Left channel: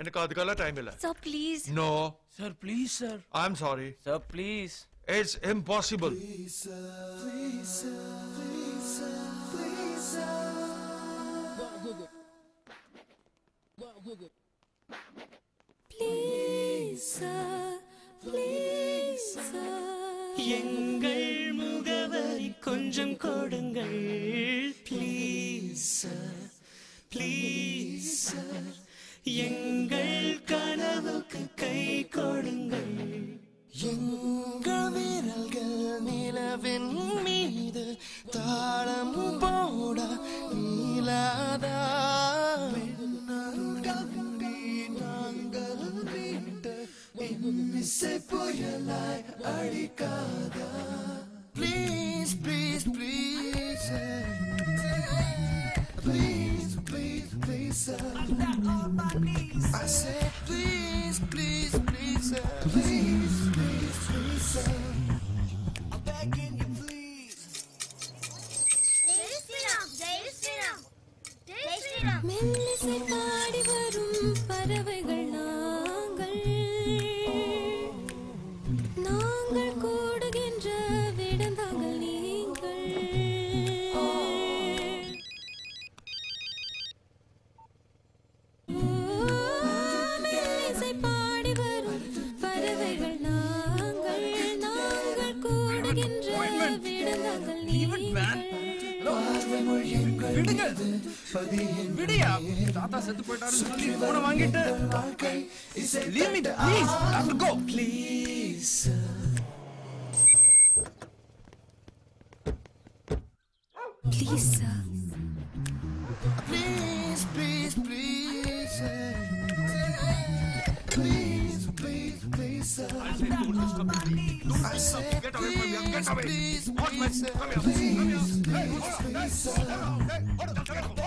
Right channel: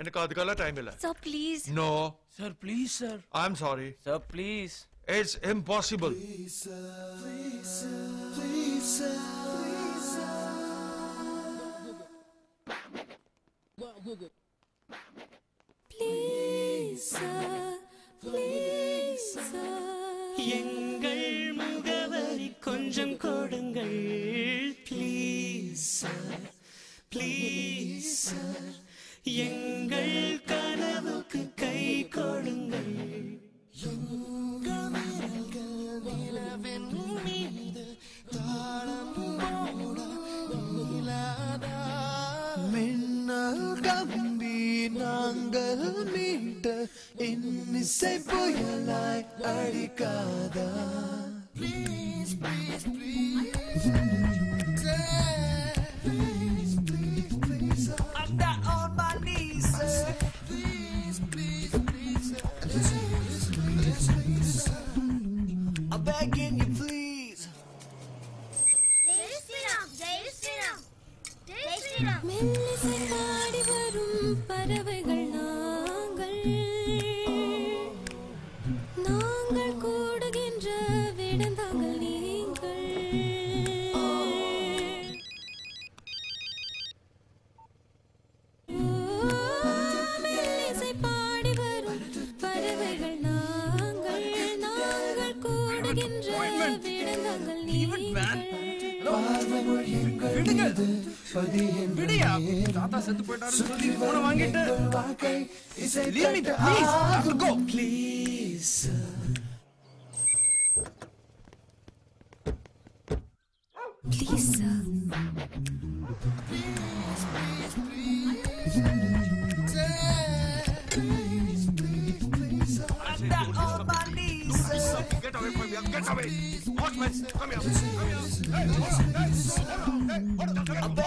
எனக்கு அதுக்கெல்லாம் டைம் இல்ல. Sir, please. No. Sir, please, sir. I'm sorry. Sir, please. It's impossible. Please, sir. Please, sir. Please, sir. Please, sir. Please, sir. எங்கள் முகவரி கொஞ்சம் கொடுங்கள். Please, sir. Please, sir. எங்கள் கனவுக்கு கை கொடுங்கள். எங்கள் விரல்கள் நிலவின் மீது தாளம் போட நீலாதா மின்னல் கம்பி நாங்கள் மீட்ட இன்னிசை புயலாய் அடிக்காதா. Please, please, please, please, please, please, I'm down on my knees. I say please, please, please, please, please, I'm begging you, please. Jai Shri Ram, Jai Shri Ram, Jai Shri Ram. மெல்லிசை பாடி வரும் பறவைகள் நாங்கள். நாங்கள் கூடுகின்ற விடந்தாங்கள் நீங்கள். மெல்லிசை பாடி வரும் பறவைகள் நாங்கள். நாங்கள் கூடுகின்ற விடந்தாங்கள் நீங்கள். விடுங்க. விடியா. தாத்தா செத்து போயிட்டாருன்னு சொல்லி போனை வாங்கிட்டு. Leave me, please. I have to go. Please, sir. Please, sir. Please, please, please, please, please, please, I say don't disturb me. Don't disturb me. Get away from here. Get away. Watch my. Come here. Come here. Hey, hold on. Hey, hold on. Hey, hold on.